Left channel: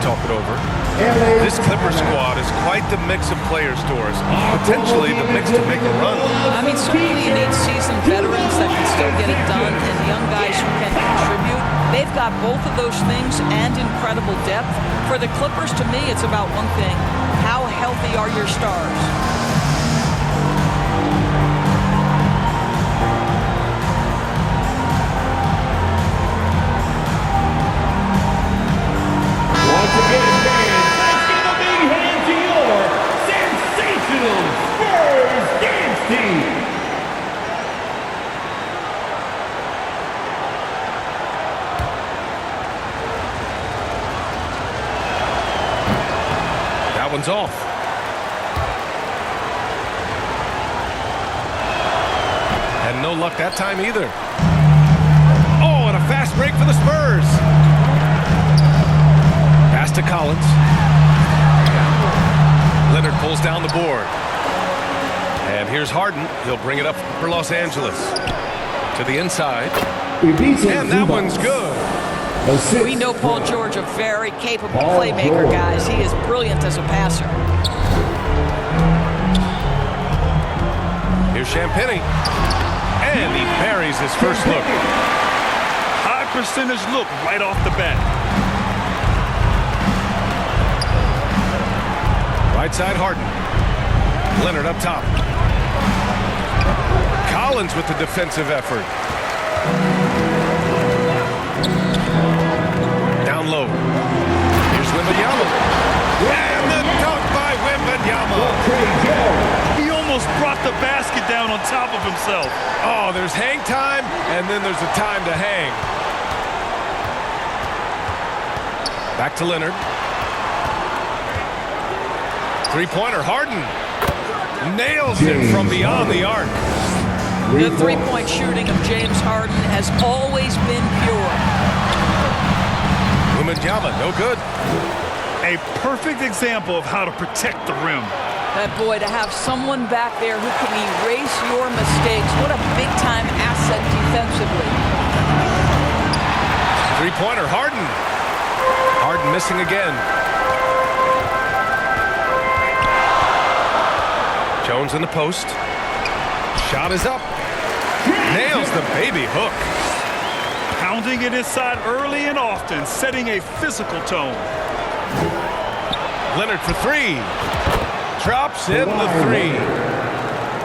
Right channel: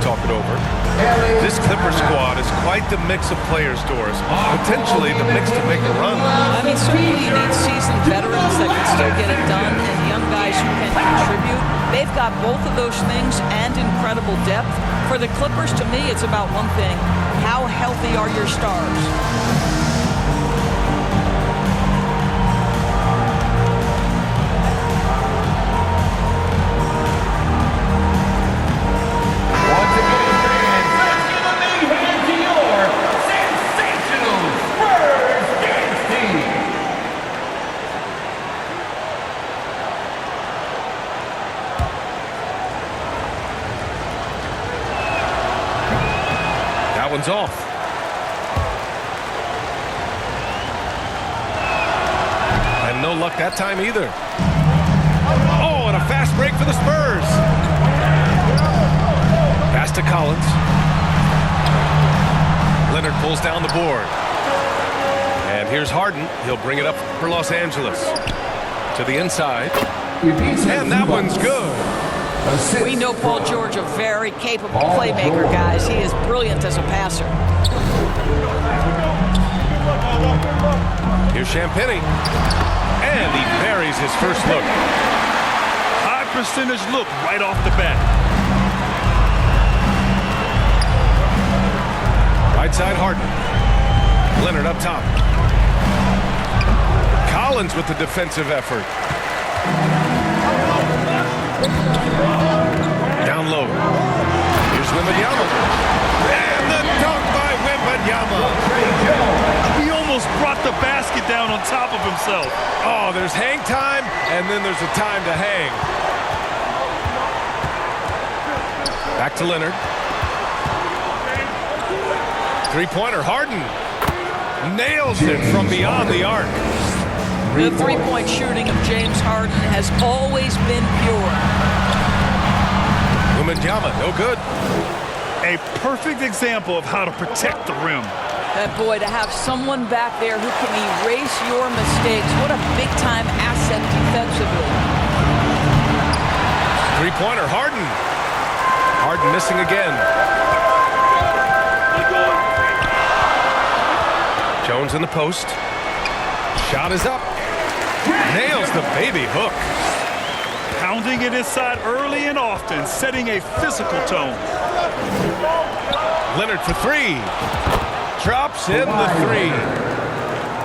talk it over. This Clipper squad is quite the mix of players, Doris. Potentially the mix to make a run. I mean, certainly you need seasoned veterans that can still get it done and young guys who can contribute. They've got both of those things and incredible depth. For the Clippers, to me, it's about one thing. How healthy are your stars? Once again, fans, let's give a big hand to your sensational Spurs dance team. That one's off. And no luck that time either. Oh, and a fast break for the Spurs. Pass to Collins. Leonard pulls down the board. And here's Harden. He'll bring it up for Los Angeles. To the inside. And that one's good. We know Paul George, a very capable playmaker, guys. He is brilliant as a passer. Here's Champagny. And he buries his first look. High percentage look right off the bat. Right side, Harden. Leonard up top. Collins with the defensive effort. Down low. Here's Wembanyama. And the dunk by Wembanyama. He almost brought the basket down on top of himself. Oh, there's hang time, and then there's a time to hang. Back to Leonard. Three-pointer, Harden. Nails it from beyond the arc. The three-point shooting of James Harden has always been pure. Wembanyama, no good. A perfect example of how to protect the rim. That boy, to have someone back there who can erase your mistakes, what a big-time asset defensively. Three-pointer, Harden. Harden missing again. Jones in the post. Shot is up. Nails the baby hook. Pounding it inside early and often, setting a physical tone. Leonard for three. Drops in the three.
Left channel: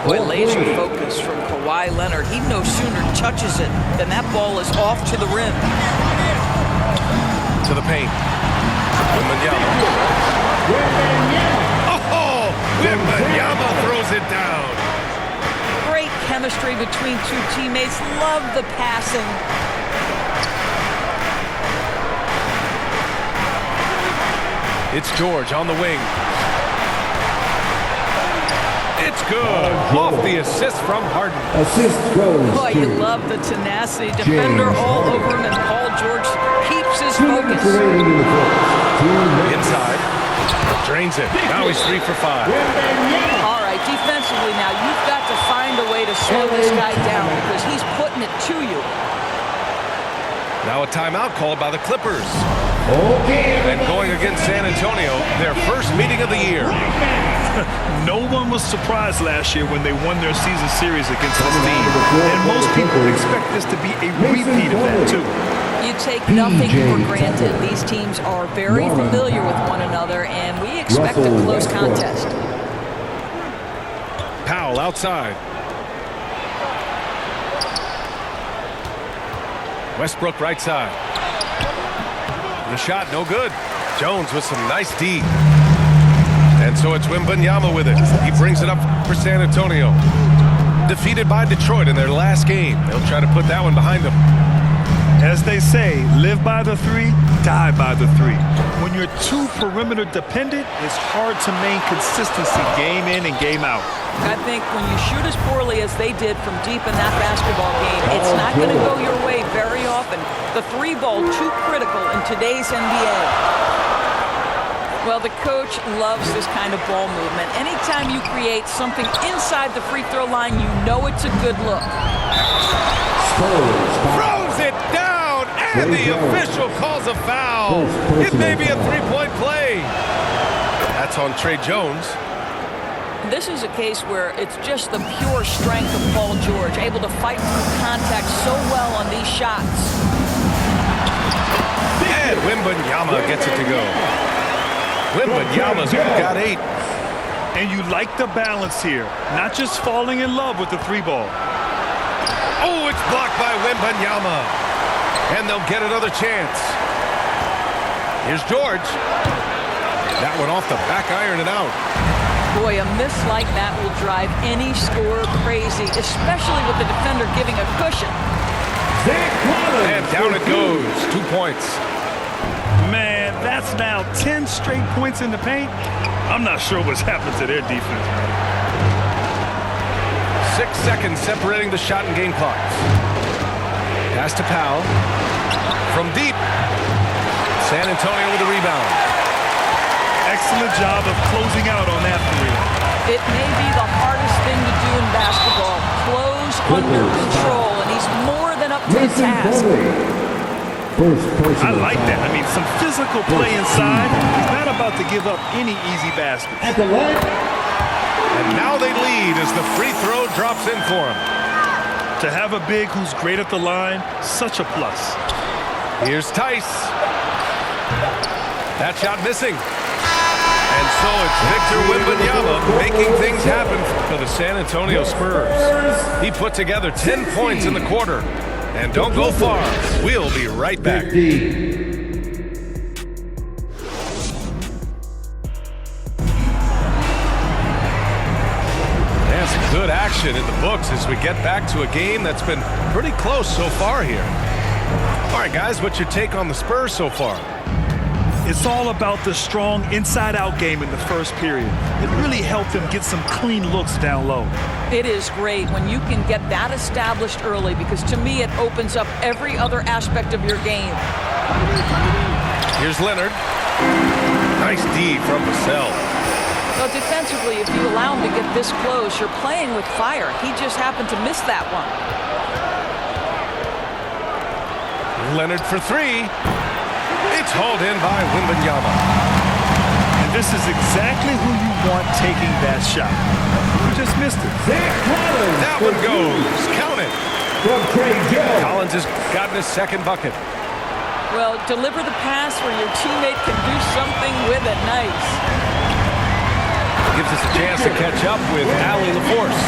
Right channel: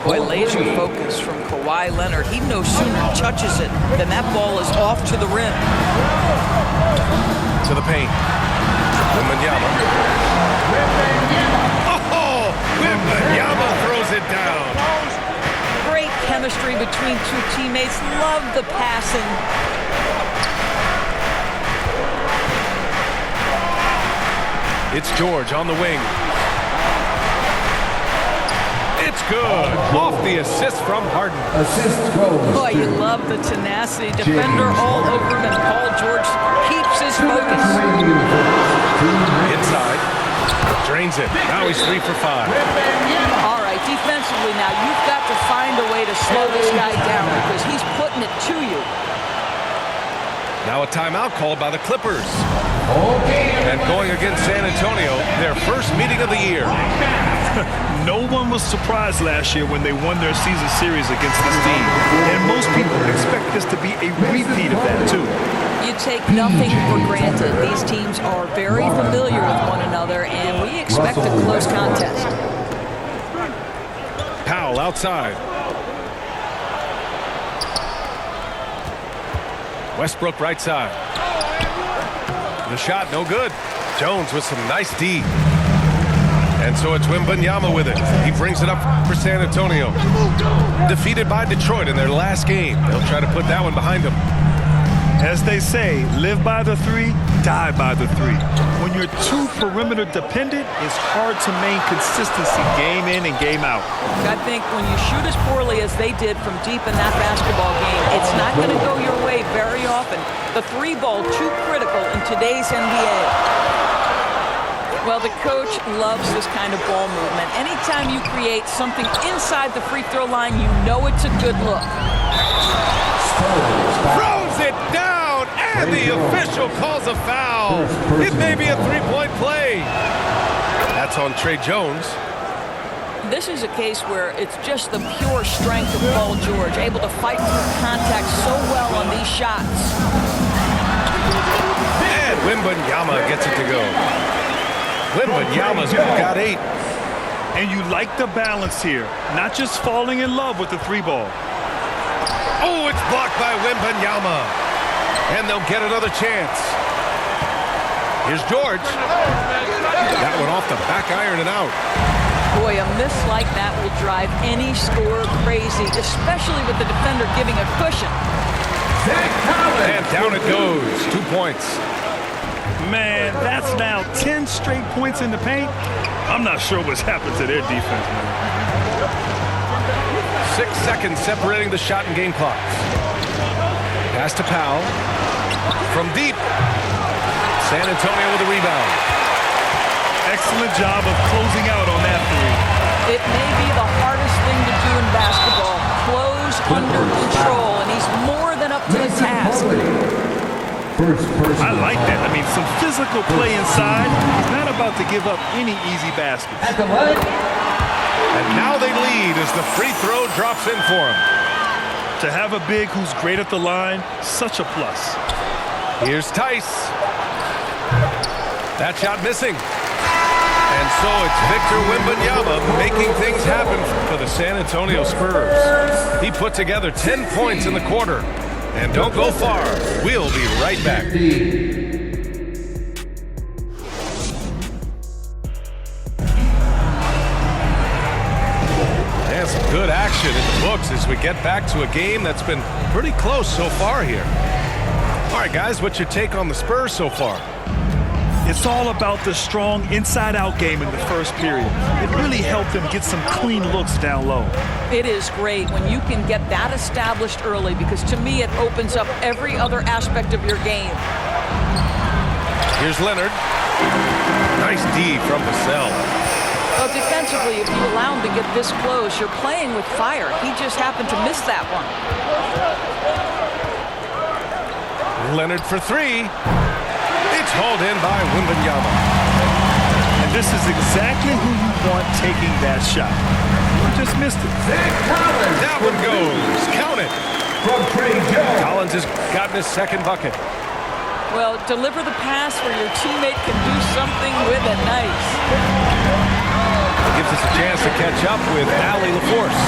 Boy, laser focus from Kawhi Leonard. He no sooner touches it than that ball is off to the rim. To the paint. Wembanyama. Oh, Wembanyama throws it down. Great chemistry between two teammates. Love the passing. It's George on the wing. It's good. Off the assist from Harden. Assist goes Boy, you love the tenacity. Defender all over him, and Paul George keeps his focus. Inside. Drains it. Now he's 3 for 5. All right, defensively now, you've got to find a way to slow this guy down because he's putting it to you. Now a timeout called by the Clippers. And going against San Antonio, their first meeting of the year. No one was surprised last year when they won their season series against this team. And most people expect this to be a repeat of that, too. You take nothing for granted. These teams are very familiar with one another, and we expect a close contest. Powell outside. Westbrook right side. The shot no good. Jones with some nice D. And so it's Wembanyama with it. He brings it up for San Antonio. Defeated by Detroit in their last game. They'll try to put that one behind them. As they say, live by the three, die by the three. When you're too perimeter dependent, it's hard to maintain consistency game in and game out. I think when you shoot as poorly as they did from deep in that basketball game, it's not going to go your way very often. The three ball too critical in today's NBA. Well, the coach loves this kind of ball movement. Anytime you create something inside the free throw line, you know it's a good look. Throws it down And the official calls a foul. It may be a three-point play. That's on Trey Jones. This is a case where it's just the pure strength of Paul George, able to fight through contact so well on these shots. And Wembanyama gets it to go. Wembanyama's got 8. And you like the balance here, not just falling in love with the three ball. Oh, it's blocked by Wembanyama. And they'll get another chance. Here's George. That one off the back iron and out. Boy, a miss like that will drive any scorer crazy, especially with the defender giving a cushion. And down it goes. 2 points. Man, that's now 10 straight points in the paint. I'm not sure what's happened to their defense, man. 6 seconds separating the shot and game clocks. Pass to Powell. From deep. San Antonio with a rebound. Excellent job of closing out on that three. It may be the hardest thing to do in basketball. Close under control, and he's more than up to the task. I like that. I mean, some physical play inside. He's not about to give up any easy baskets. And now they lead as the free throw drops in for him. To have a big who's great at the line, such a plus. Here's Tice. That shot missing. And so it's Victor Wembanyama making things happen for the San Antonio Spurs. He put together 10 points in the quarter. And don't go far. We'll be right back. And some good action in the books as we get back to a game that's been pretty close so far here. All right, guys, what's your take on the Spurs so far? It's all about the strong inside-out game in the first period. It really helped them get some clean looks down low. It is great when you can get that established early, because to me it opens up every other aspect of your game. Here's Leonard. Nice D from Vassell. Well, defensively, if you allow him to get this close, you're playing with fire. He just happened to miss that one. Leonard for 3. It's hauled in by Wembanyama. And this is exactly who you want taking that shot. You just missed it. That one goes. Count it. From Trey Jones. Collins has gotten his second bucket. Well, deliver the pass where your teammate can do something with it. Nice. Gives us a chance to catch up with Allie LaForce.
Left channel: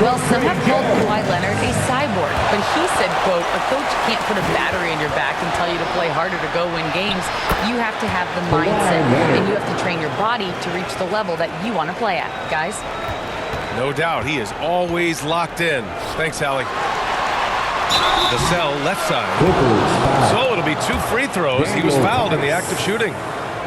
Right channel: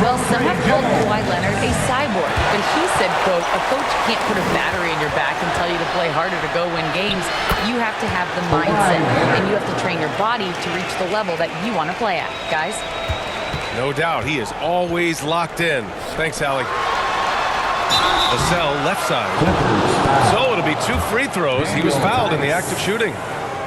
Well, some have called Kawhi Leonard a cyborg, but he said, quote, a coach can't put a battery in your back and tell you to play harder to go win games. You have to have the mindset, and you have to train your body to reach the level that you want to play at, guys. No doubt, he is always locked in. Thanks, Allie. Vassell left side. So it'll be 2 free throws. He was fouled in the act of shooting.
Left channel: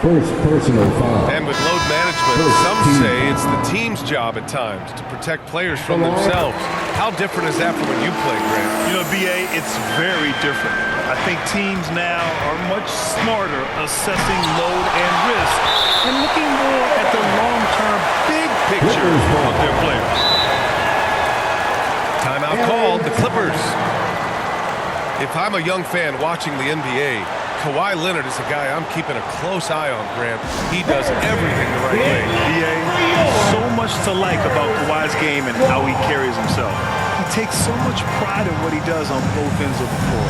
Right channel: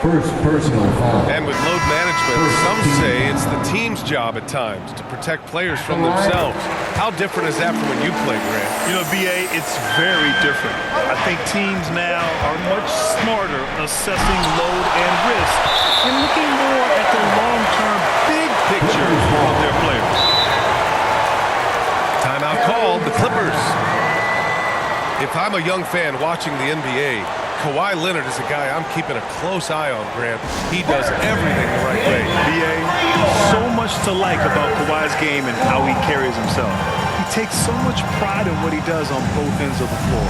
First personal foul. And with load management, some say it's the team's job at times to protect players from themselves. How different is that from when you played, Grant? You know, B.A., it's very different. I think teams now are much smarter assessing load and risk and looking more at the long-term big picture of their players. Timeout called, the Clippers. If I'm a young fan watching the NBA, Kawhi Leonard is a guy I'm keeping a close eye on, Grant. He does everything the right way. B.A., so much to like about Kawhi's game and how he carries himself. He takes so much pride in what he does on both ends of the floor.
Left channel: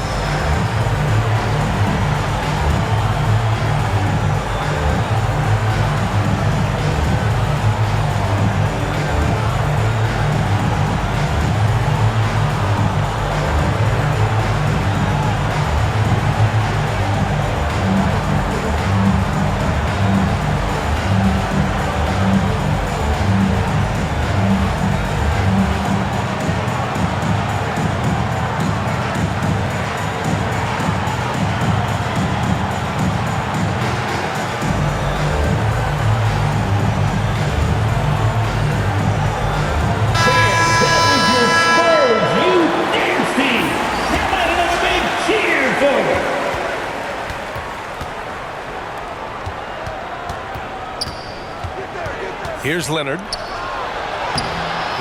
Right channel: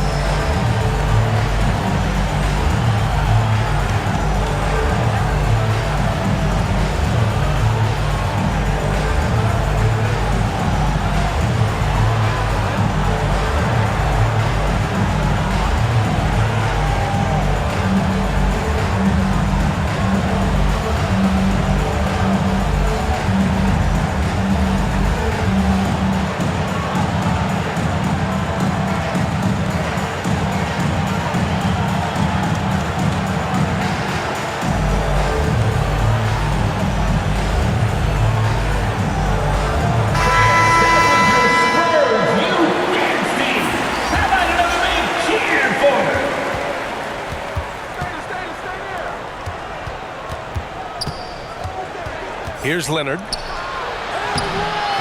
Here's Leonard.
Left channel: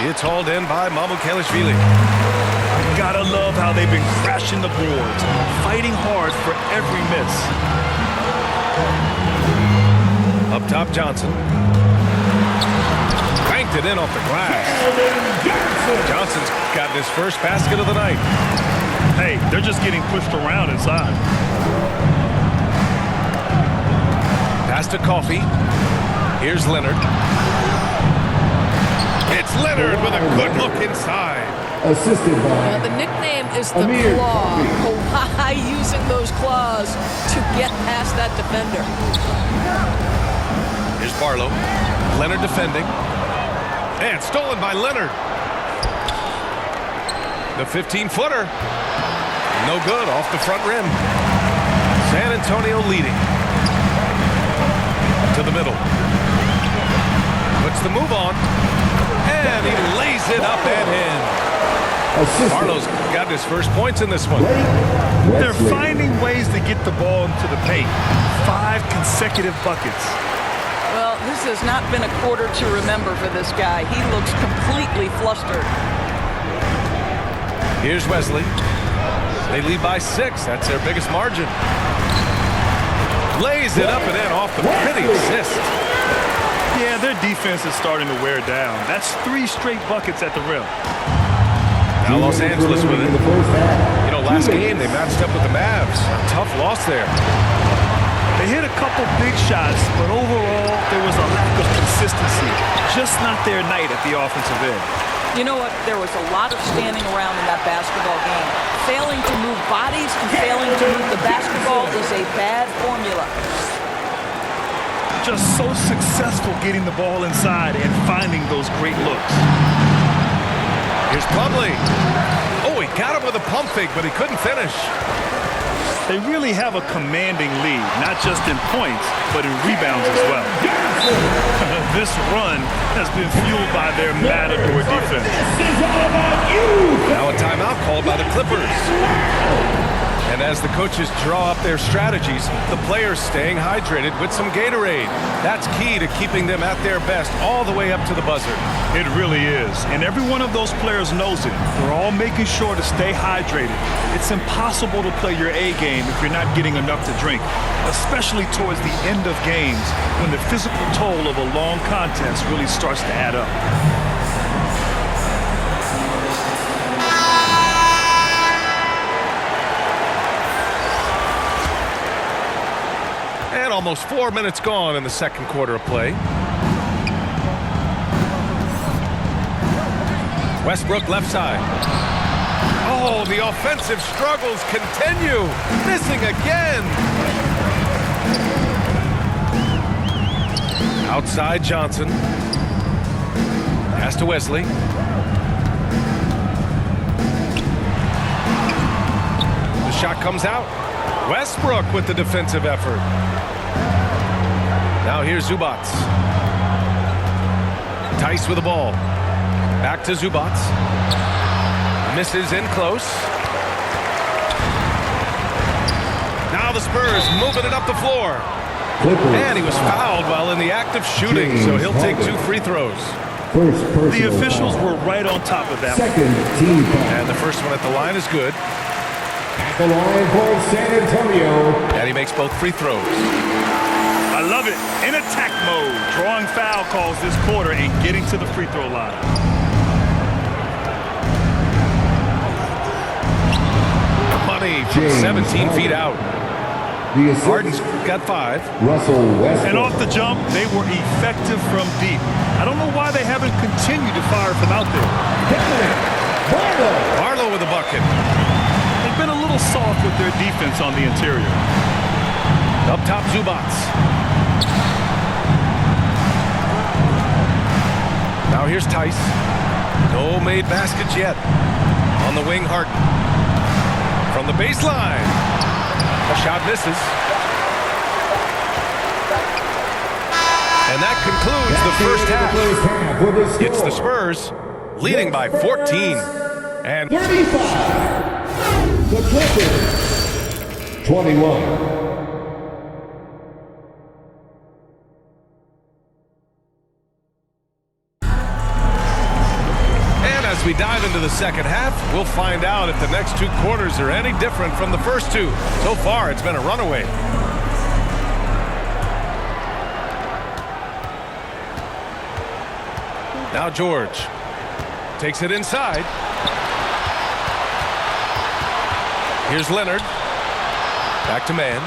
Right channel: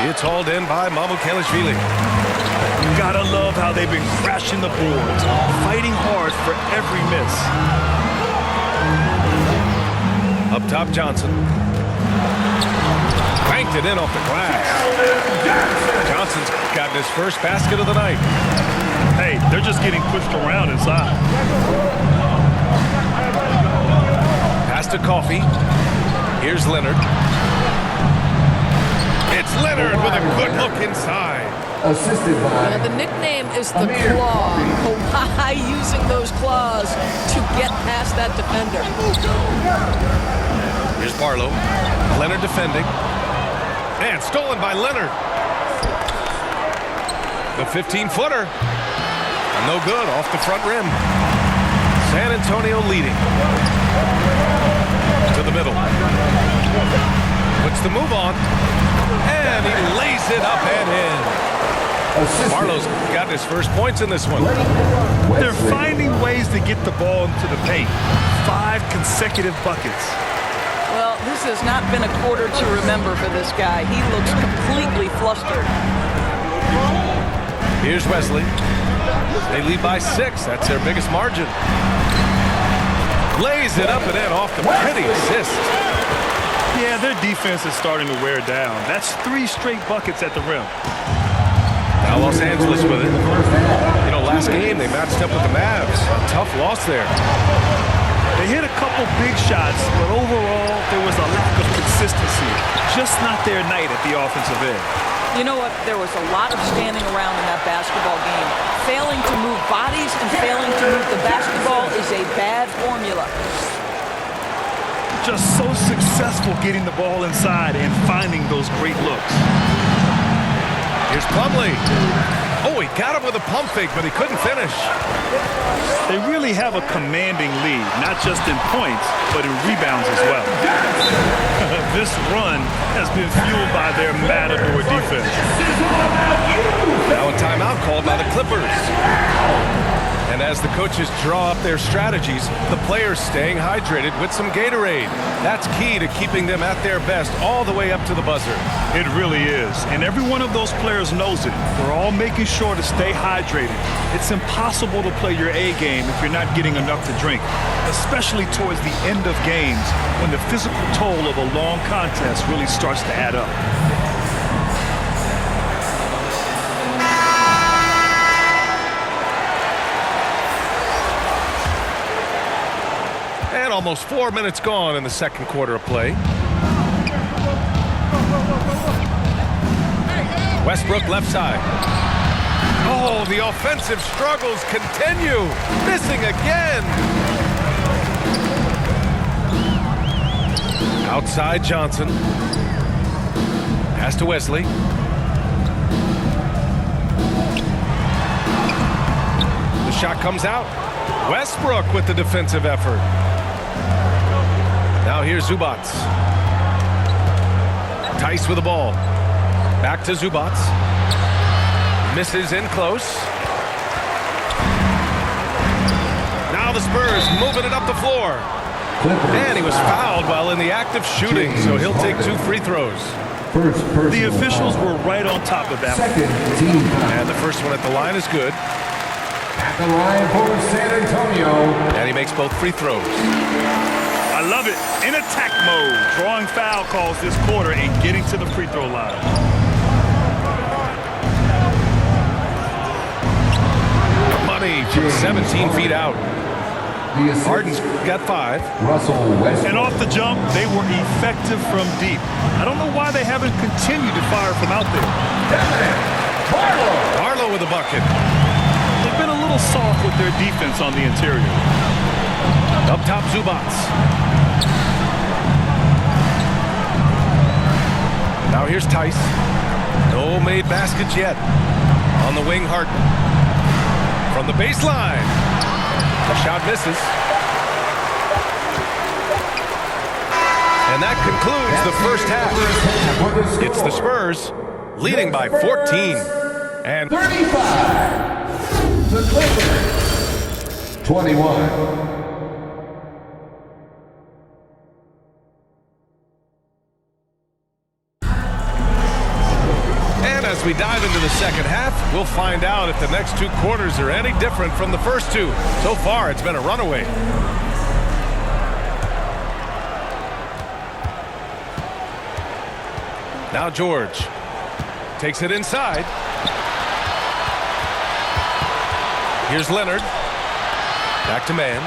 It's hauled in by Mamukelashvili. Gotta love how they've been crashing the boards, fighting hard for every miss. Up top, Johnson. Banked it in off the glass. Johnson's gotten his first basket of the night. Hey, they're just getting pushed around inside. Pass to Coffey. Here's Leonard. It's Leonard with a good look inside. Assisted by The nickname is the Amir Claw. Coffey. Kawhi using those claws to get past that defender. Here's Barlow. Leonard defending. And stolen by Leonard. The 15-footer. No good, off the front rim. San Antonio leading. To the middle. Puts the move on. And he lays it up and in. Assisted. Barlow's got his first points in this one. They're finding ways to get the ball into the paint. 5 consecutive buckets. Well, this has not been a quarter to remember for this guy. He looks completely flustered. Here's Wesley. They lead by 6. That's their biggest margin. Lays it up and in off the pretty assist. Yeah, their defense is starting to wear down. That's 3 straight buckets at the rim. Now Los Angeles with it. You know, last game they matched up with the Mavs. A tough loss there. They hit a couple big shots, but overall, there was a lack of consistency. Just not their night at the offensive end. You know what? There was a lot of standing around in that basketball game. Failing to move bodies and failing to move the basketball is a bad formula. Just so successful getting the ball inside and finding those great looks. Here's Plumlee. Oh, he got him with a pump fake, but he couldn't finish. They really have a commanding lead, not just in points, but in rebounds as well. This run has been fueled by their matador defense. Now a timeout called by the Clippers. And as the coaches draw up their strategies, the players staying hydrated with some Gatorade. That's key to keeping them at their best all the way up to the buzzer. It really is, and every one of those players knows it. They're all making sure to stay hydrated. It's impossible to play your A game if you're not getting enough to drink, especially towards the end of games when the physical toll of a long contest really starts to add up. And almost 4 minutes gone in the second quarter of play. Westbrook left side. Oh, the offensive struggles continue. Missing again. Outside Johnson. Pass to Wesley. The shot comes out. Westbrook with the defensive effort. Now here's Zubats. Tice with the ball. Back to Zubats. Misses in close. Now the Spurs moving it up the floor. Clippers. And he was fouled while in the act of shooting, so he'll take 2 free throws. First personal The officials foul. were right on top of that one. Second team foul. And the first one at the line is good. At the line for San Antonio. And he makes both free throws. I love it. In attack mode, drawing foul calls this quarter and getting to the free throw line. Money from 17 feet out. The assist. Harden's got 5. Russell Westbrook. And off the jump, they were effective from deep. I don't know why they haven't continued to fire from out there. Barlow. Barlow with a bucket. They've been a little soft with their defense on the interior. Up top, Zubats. Now here's Tice. No made baskets yet. On the wing, Harden. From the baseline. The shot misses. And that concludes the first half. It's the Spurs leading by 14. And 35. The Clippers. 21. as we dive into the second half, we'll find out if the next 2 quarters are any different from the first 2. So far, it's been a runaway. Now George takes it inside. Here's Leonard. Back to man.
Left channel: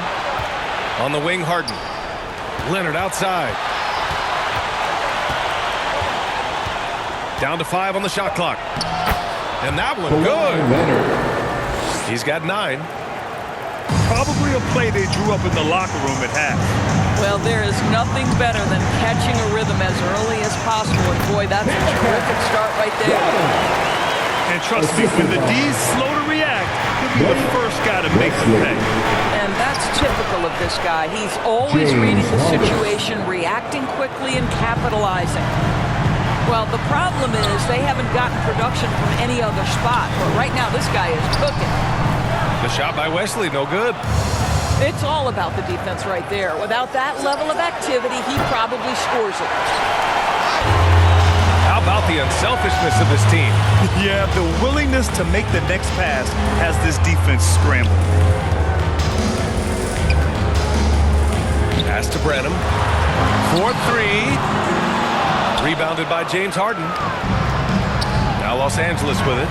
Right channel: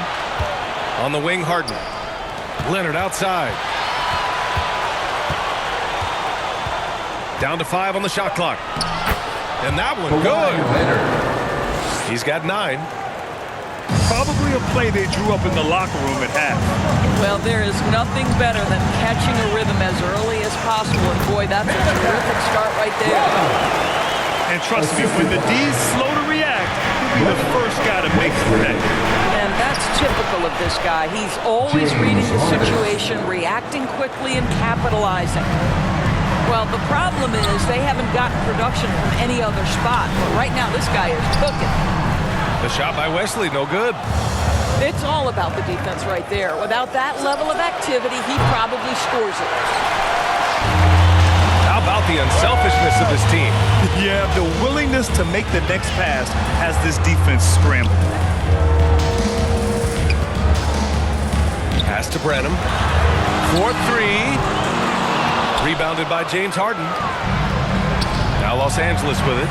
On the wing, Harden. Leonard outside. Down to 5 on the shot clock. And that one good. He's got 9. Probably a play they drew up in the locker room at half. Well, there is nothing better than catching a rhythm as early as possible. And boy, that's a terrific start right there. And trust me, when the D's slow to react, he'll be the first guy to make them pay. And that's typical of this guy. He's always reading the situation, reacting quickly, and capitalizing. Well, the problem is they haven't gotten production from any other spot. But right now, this guy is cooking. The shot by Wesley, no good. It's all about the defense right there. Without that level of activity, he probably scores it. How about the unselfishness of this team? Yeah, the willingness to make the next pass has this defense scrambled. Pass to Branham. 4-3. Rebounded by James Harden. Now Los Angeles with it.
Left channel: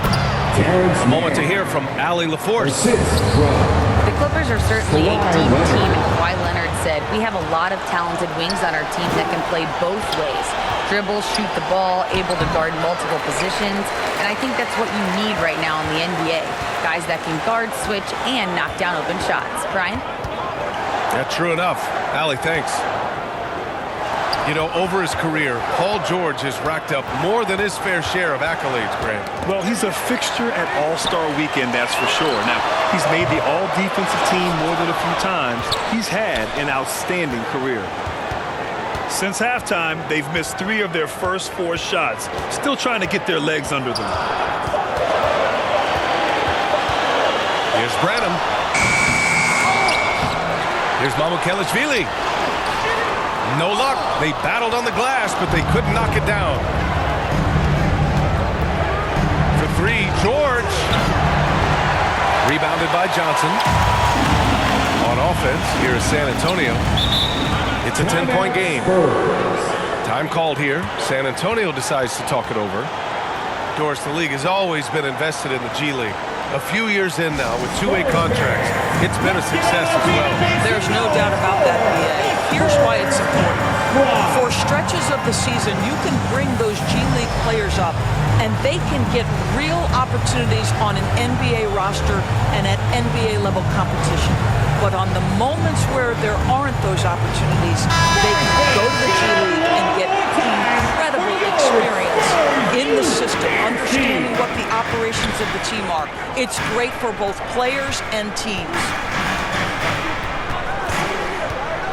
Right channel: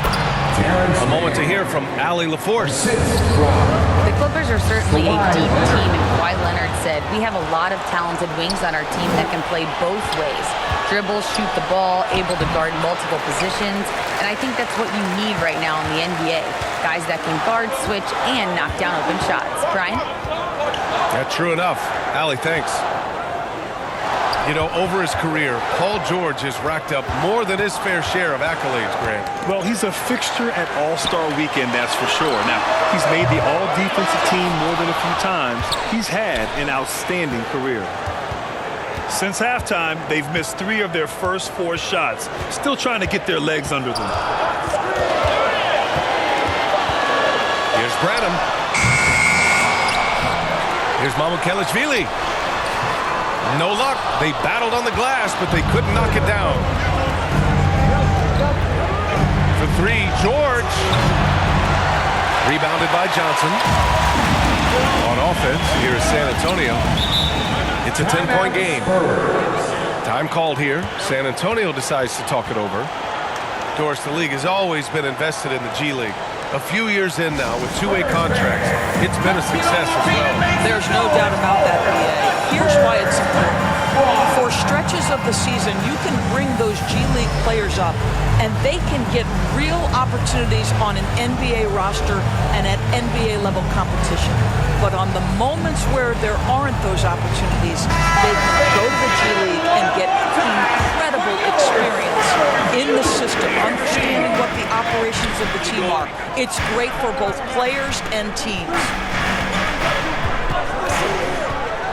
A moment to hear from Allie LaForce. The Clippers are certainly a deep team, and Kawhi Leonard said, we have a lot of talented wings on our team that can play both ways. Dribble, shoot the ball, able to guard multiple positions, and I think that's what you need right now in the NBA. Guys that can guard, switch, and knock down open shots. Brian? Yeah, true enough. Allie, thanks. You know, over his career, Paul George has racked up more than his fair share of accolades, Grant. Well, he's a fixture at All-Star Weekend, that's for sure. Now, he's made the All-Defensive Team more than a few times. He's had an outstanding career. Since halftime, they've missed 3 of their first 4 shots, still trying to get their legs under them. Here's Branham. Here's Mamukelashvili. No luck. They battled on the glass, but they couldn't knock it down. For 3, George. Rebounded by Johnson. On offense, here is San Antonio. It's a 10-point game. Time called here. San Antonio decides to talk it over. Doris, the league has always been invested in the G League. A few years in now with 2-way contracts. It's been a success as well. There's no doubt about that, BA. Here's why it's important. For stretches of the season, you can bring those G League players up, and they can get real opportunities on an NBA roster and at NBA level competition. But on the moments where there aren't those opportunities, they can go to the G League and get incredible experience in the system, understanding what the operations of the team are. It's great for both players and teams.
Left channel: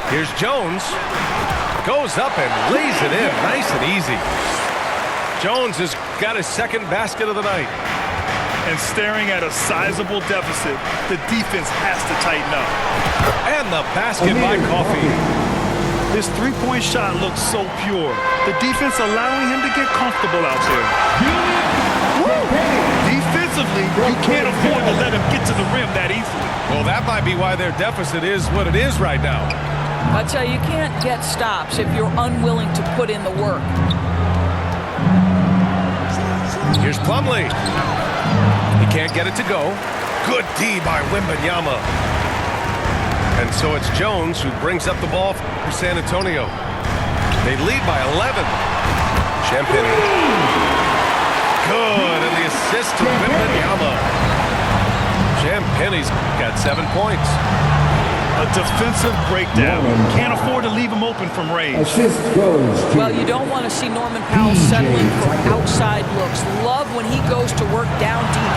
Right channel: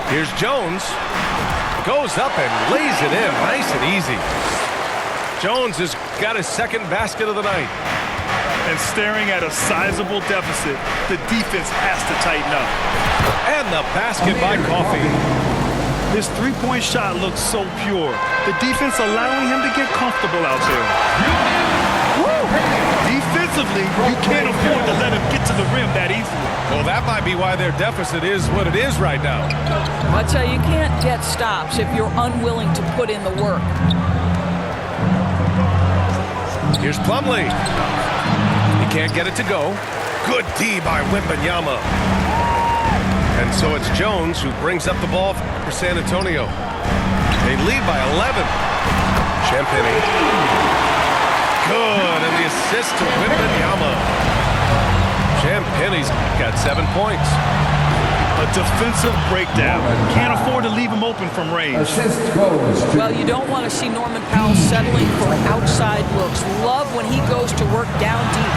Here's Jones. Goes up and lays it in nice and easy. Jones has got his second basket of the night. And staring at a sizable deficit, the defense has to tighten up. And the basket by Coffey. His 3-point shot looks so pure. The defense allowing him to get comfortable out there. Woo! Defensively, you can't afford to let him get to the rim that easily. Well, that might be why their deficit is what it is right now. I tell you, you can't get stops if you're unwilling to put in the work. Here's Plumlee. He can't get it to go. Good D by Wembanyama. And so it's Jones who brings up the ball for San Antonio. They lead by 11. Champagnie. Good, and the assist to Wembanyama. Champagnie's got 7 points. A defensive breakdown. Can't afford to leave him open from range. Assist goes to Well, you don't want to see Norman Powell settling for outside looks. Love when he goes to work down deep.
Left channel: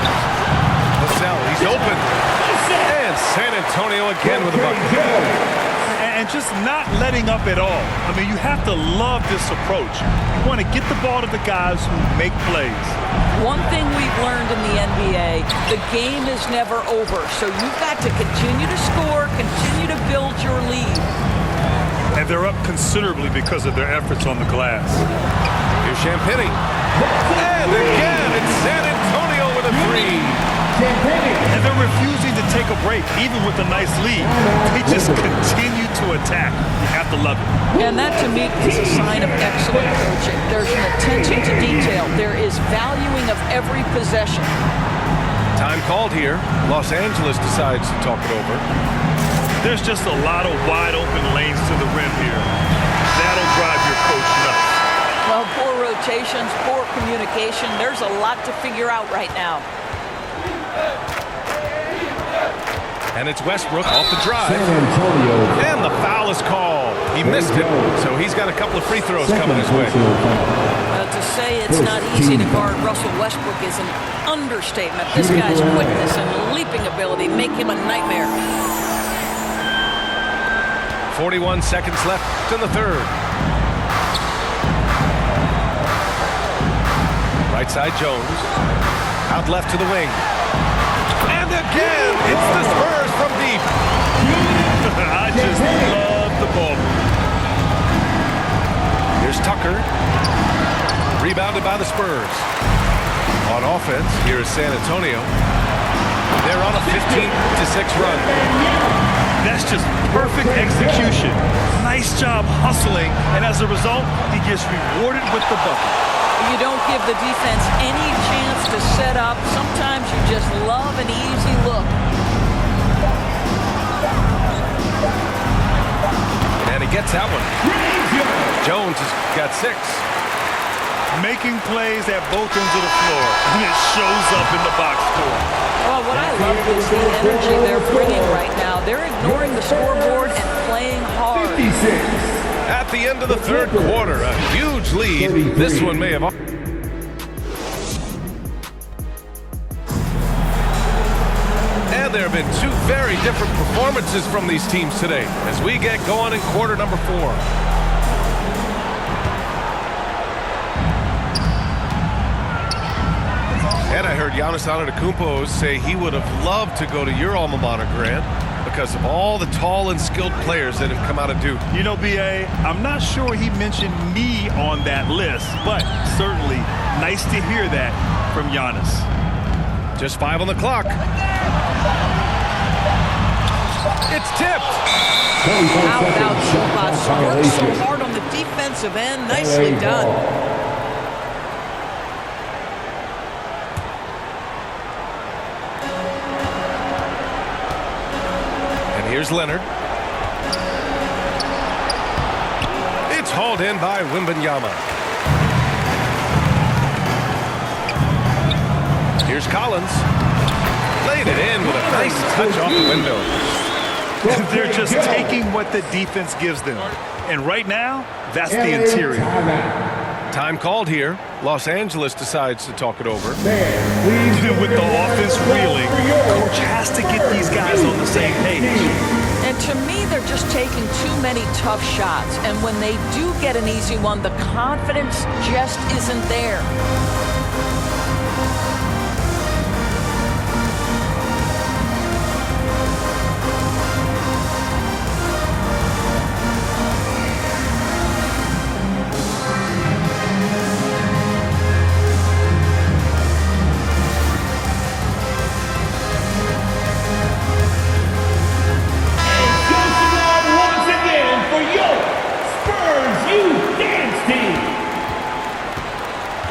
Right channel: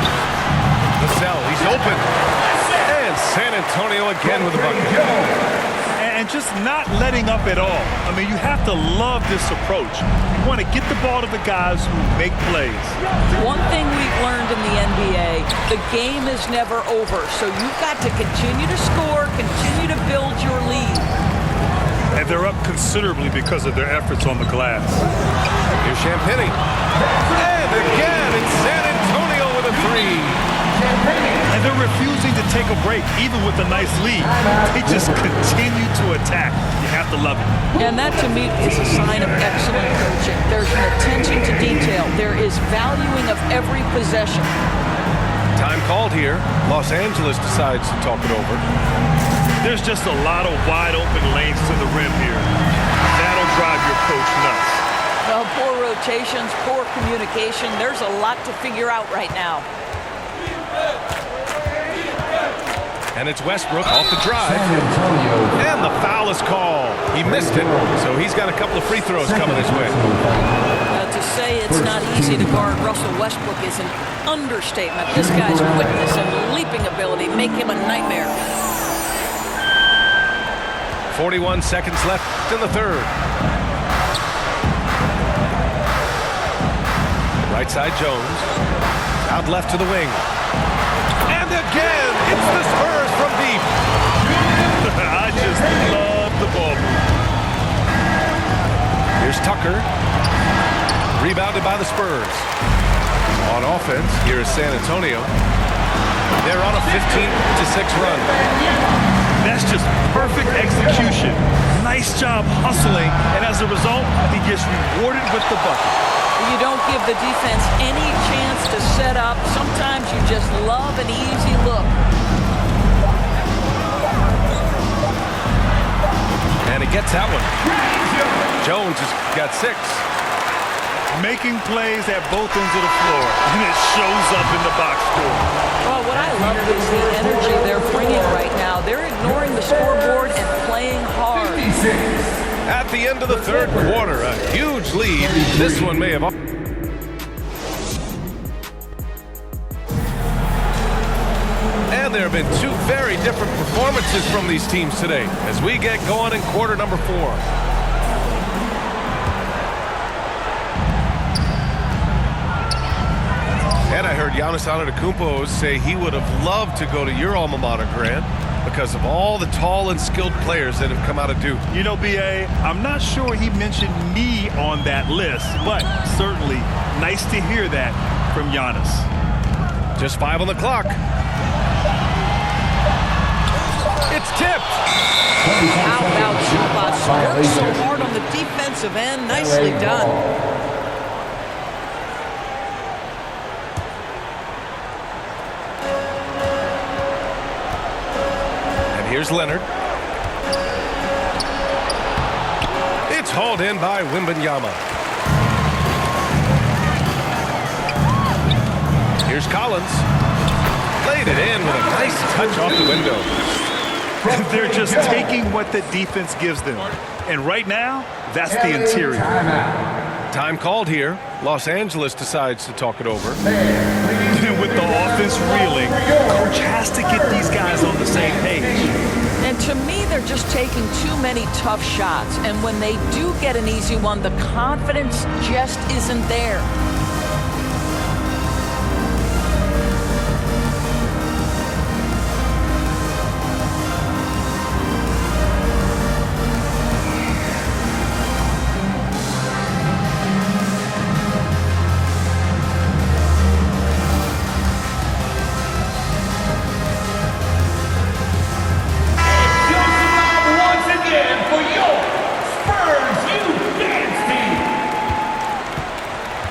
Vassell, he's open. And San Antonio again with a bucket. And just not letting up at all. I mean, you have to love this approach. You want to get the ball to the guys who make plays. One thing we've learned in the NBA, the game is never over. So you've got to continue to score, continue to build your lead. And they're up considerably because of their efforts on the glass. Here's Champagnie. And again, it's San Antonio with a three. And they're refusing to take a break, even with a nice lead. They just continue to attack. You have to love it. And that, to me, is a sign of excellent coaching. There's an attention to detail. There is valuing of every possession. Time called here. Los Angeles decides to talk it over. There's just a lot of wide open lanes to the rim here. That'll drive your coach nuts. Well, poor rotations, poor communication. There's a lot to figure out right now. And it's Westbrook off the drive. San Antonio. And the foul is called. He missed it, so he's got a couple of free throws coming his way. To say it's not easy to guard Russell Westbrook is an understatement. This guy's quickness and leaping ability make him a nightmare. 41 seconds left in the third. Right side Jones. Out left to the wing. And again, it's the Spurs from deep. I just love the ball move. Here's Tucker. Rebounded by the Spurs. On offense, here is San Antonio. They're on a 15-6 run. That's just perfect execution. Nice job hustling, and as a result, he gets rewarded with the bucket. You don't give the defense any chance to set up. Sometimes you just love an easy look. And he gets that one. Jones has got 6. Making plays at both ends of the floor, and it shows up in the box score. Well, what I love is the energy they're bringing right now. They're ignoring the scoreboard and playing hard. 56. At the end of the third quarter, a huge lead. This one may have... And there have been 2 very different performances from these teams today as we get going in quarter number 4. And I heard Giannis Antetokounmpo say he would have loved to go to your alma mater, Grant, because of all the tall and skilled players that have come out of Duke. You know, B.A., I'm not sure he mentioned me on that list, but certainly nice to hear that from Giannis. Just 5 on the clock. It's tipped. How about Zubac? Worked so hard on the defensive end. Nicely done. Here's Leonard. It's hauled in by Wembanyama. Here's Collins. Laid it in with a nice touch off the window. They're just taking what the defense gives them. And right now, that's the interior. Time called here. Los Angeles decides to talk it over. And with the offense reeling, coach has to get these guys on the same page. And to me, they're just taking too many tough shots. And when they do get an easy one, the confidence just isn't there.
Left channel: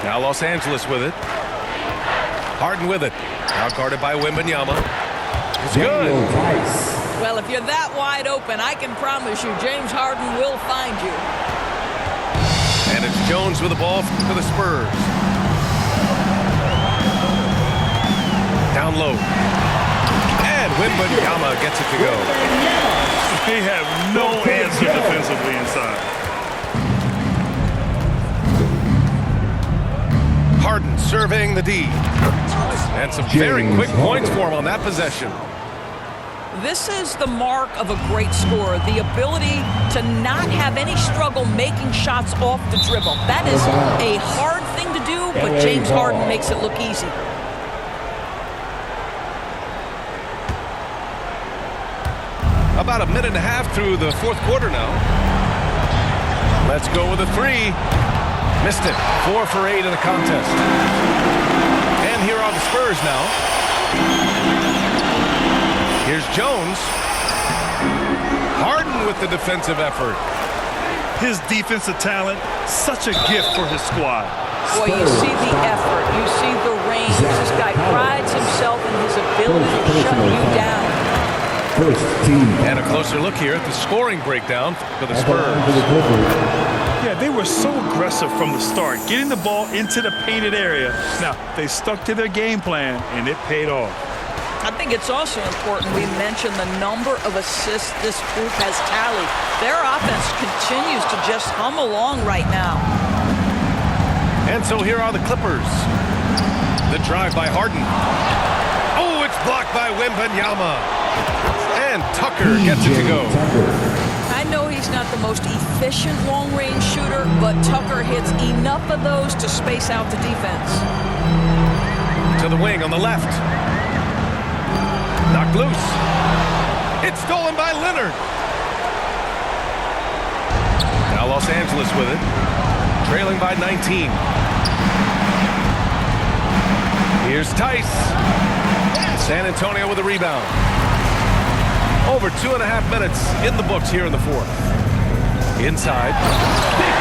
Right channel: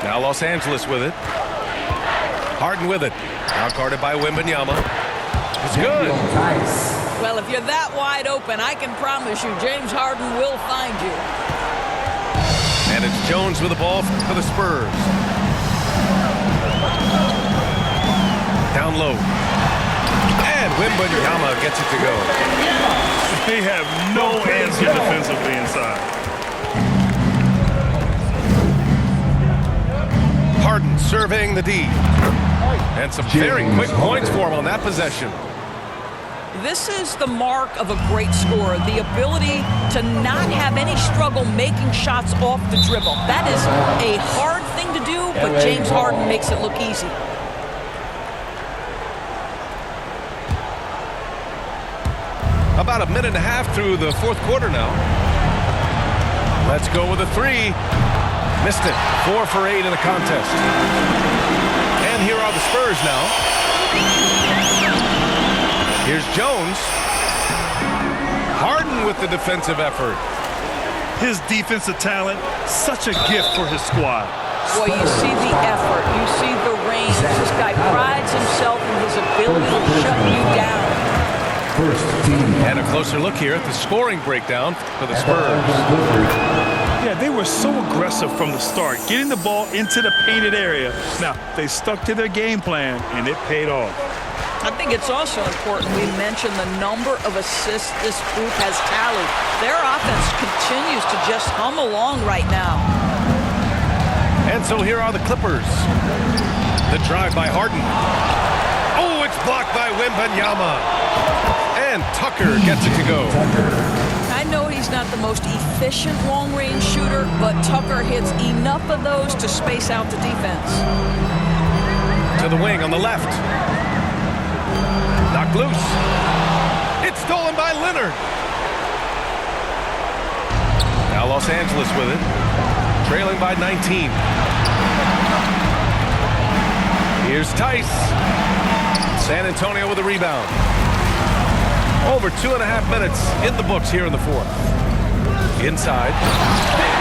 Now Los Angeles with it. Harden with it. Now guarded by Wembanyama. It's good. Well, if you're that wide open, I can promise you James Harden will find you. And it's Jones with the ball for the Spurs. Down low. And Wembanyama gets it to go. They have no answer defensively inside. Harden surveying the D. And some very quick points for him on that possession. This is the mark of a great scorer, the ability to not have any struggle making shots off the dribble. That is a hard thing to do, but James Harden makes it look easy. About a minute and a half through the fourth quarter now. Let's go with a 3. Missed it. 4 for 8 in the contest. And here are the Spurs now. Here's Jones. Harden with the defensive effort. His defensive talent, such a gift for his squad. Boy, you see the effort. You see the range. This guy prides himself in his ability to shut you down. First team. And a closer look here at the scoring breakdown for the Spurs. Yeah, they were so aggressive from the start, getting the ball into the painted area. Now, they stuck to their game plan, and it paid off. I think it's also important we mention the number of assists this group has tallied. Their offense continues to just hum along right now. And so here are the Clippers. The drive by Harden. Oh, it's blocked by Wembanyama. And Tucker gets it to go. I know he's not the most efficient long-range shooter, but Tucker hits enough of those to space out the defense. To the wing on the left. Knocked loose. It's stolen by Leonard. Now Los Angeles with it. Trailing by 19. Here's Tice. San Antonio with a rebound. Over 2.5 minutes in the books here in the fourth. Inside.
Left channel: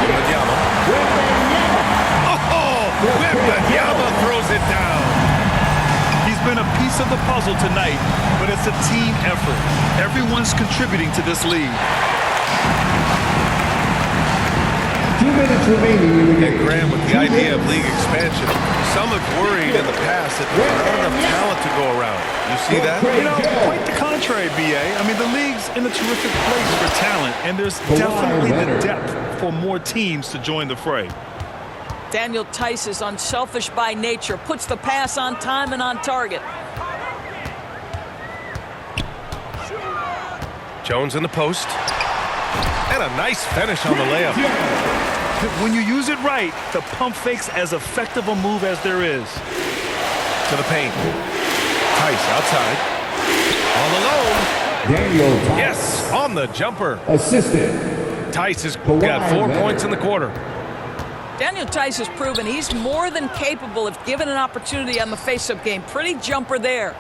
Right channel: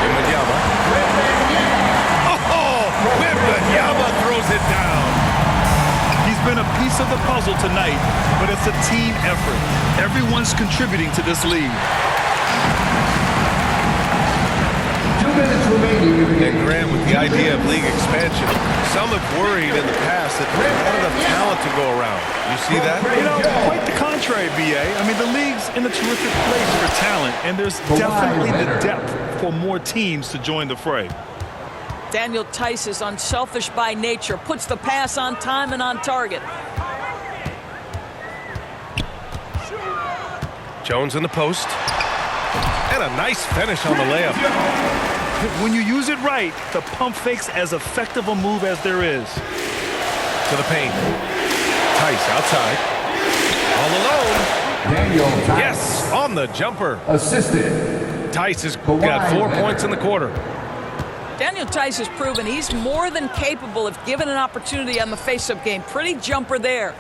Wembanyama. Oh, Wembanyama throws it down. He's been a piece of the puzzle tonight, but it's a team effort. Everyone's contributing to this lead. 2 minutes remaining in the game. And Graham, with the idea of league expansion, some have worried in the past that there's not enough talent to go around. You see that? You know, quite the contrary, B.A. I mean, the league's in a terrific place for talent, and there's definitely the depth for more teams to join the fray. Daniel Tice is unselfish by nature, puts the pass on time and on target. Jones in the post. And a nice finish on the layup. When you use it right, the pump fake's as effective a move as there is. To the paint. Tice outside. All alone. Daniel Tice. Yes, on the jumper. Assisted. Tice has got 4 points in the quarter. Daniel Tice has proven he's more than capable if given an opportunity on the face-up game. Pretty jumper there.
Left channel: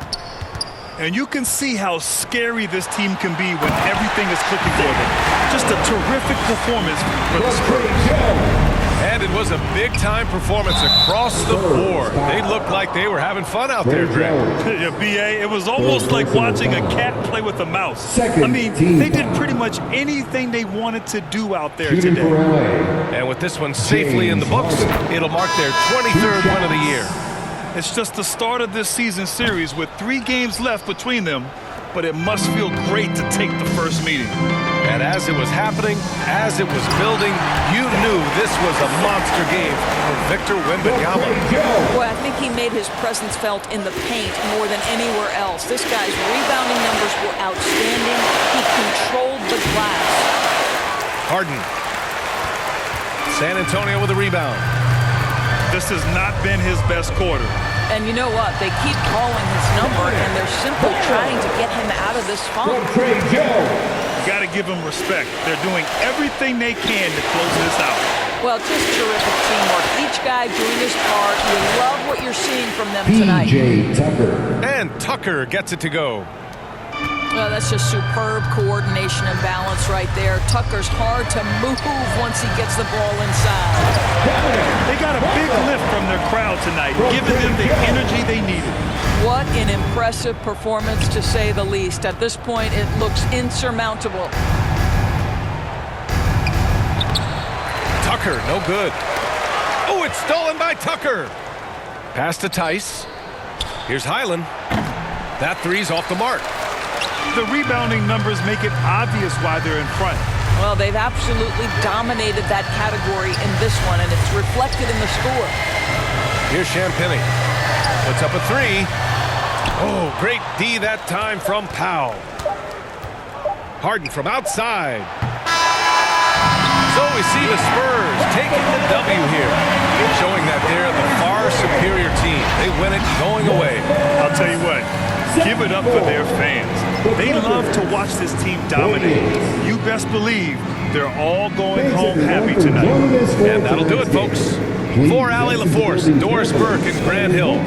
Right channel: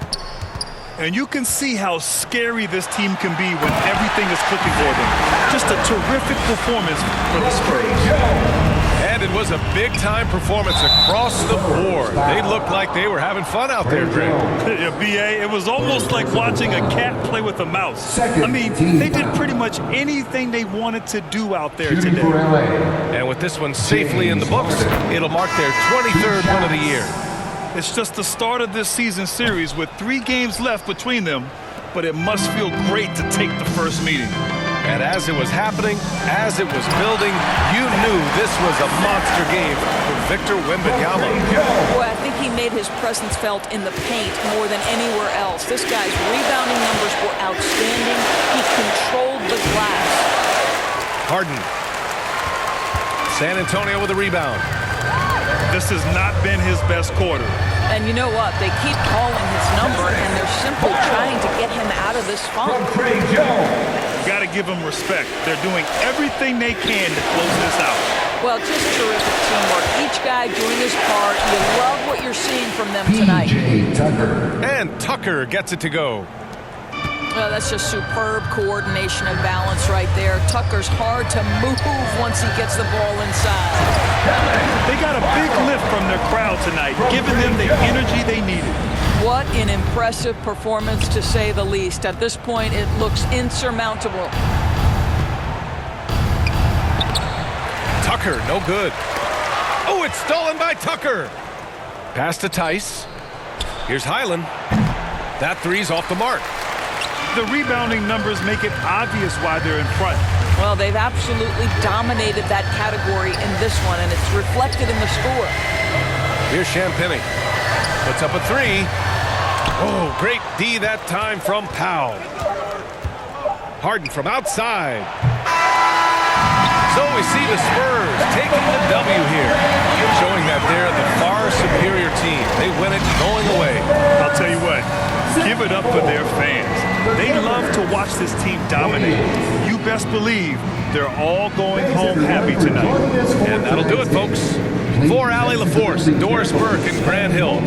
And you can see how scary this team can be when everything is clicking for them. Just a terrific performance for the Spurs. And it was a big-time performance across the board. They looked like they were having fun out there, Greg. Yeah, B.A., it was almost like watching a cat play with a mouse. I mean, they did pretty much anything they wanted to do out there today. And with this one safely in the books, it'll mark their 23rd win of the year. It's just the start of this season series with 3 games left between them, but it must feel great to take the first meeting. And as it was happening, as it was building, you knew this was a monster game for Victor Wembanyama. Boy, I think he made his presence felt in the paint more than anywhere else. This guy's rebounding numbers were outstanding. He controlled the glass. Harden. San Antonio with a rebound. This has not been his best quarter. And you know what? They keep calling his number, and they're simply trying to get him out of this funk. You got to give them respect. They're doing everything they can to close this out. Well, just terrific teamwork. Each guy doing his part. You love what you're seeing from them tonight. P.J. Tucker. And Tucker gets it to go. Well, that's just superb coordination and balance right there. Tucker's hard to move once he gets the ball inside. They got a big lift from their crowd tonight, giving them the energy they needed. What an impressive performance, to say the least. At this point, it looks insurmountable. Tucker, no good. Oh, it's stolen by Tucker. Pass to Tice. Here's Highland. That three's off the mark. The rebounding numbers make it obvious why they're in front. Well, they've absolutely dominated that category in this one, and it's reflected in the score. Here's Champagny. Puts up a 3. Oh, great D that time from Powell. Harden from outside. So we see the Spurs taking the W here, showing that they're the far superior team. They win it going away. I'll tell you what, give it up for their fans. They love to watch this team dominate. You best believe They're all going home happy tonight. And that'll do it, folks. For Allie LaForce, Doris Burke, and Grant Hill,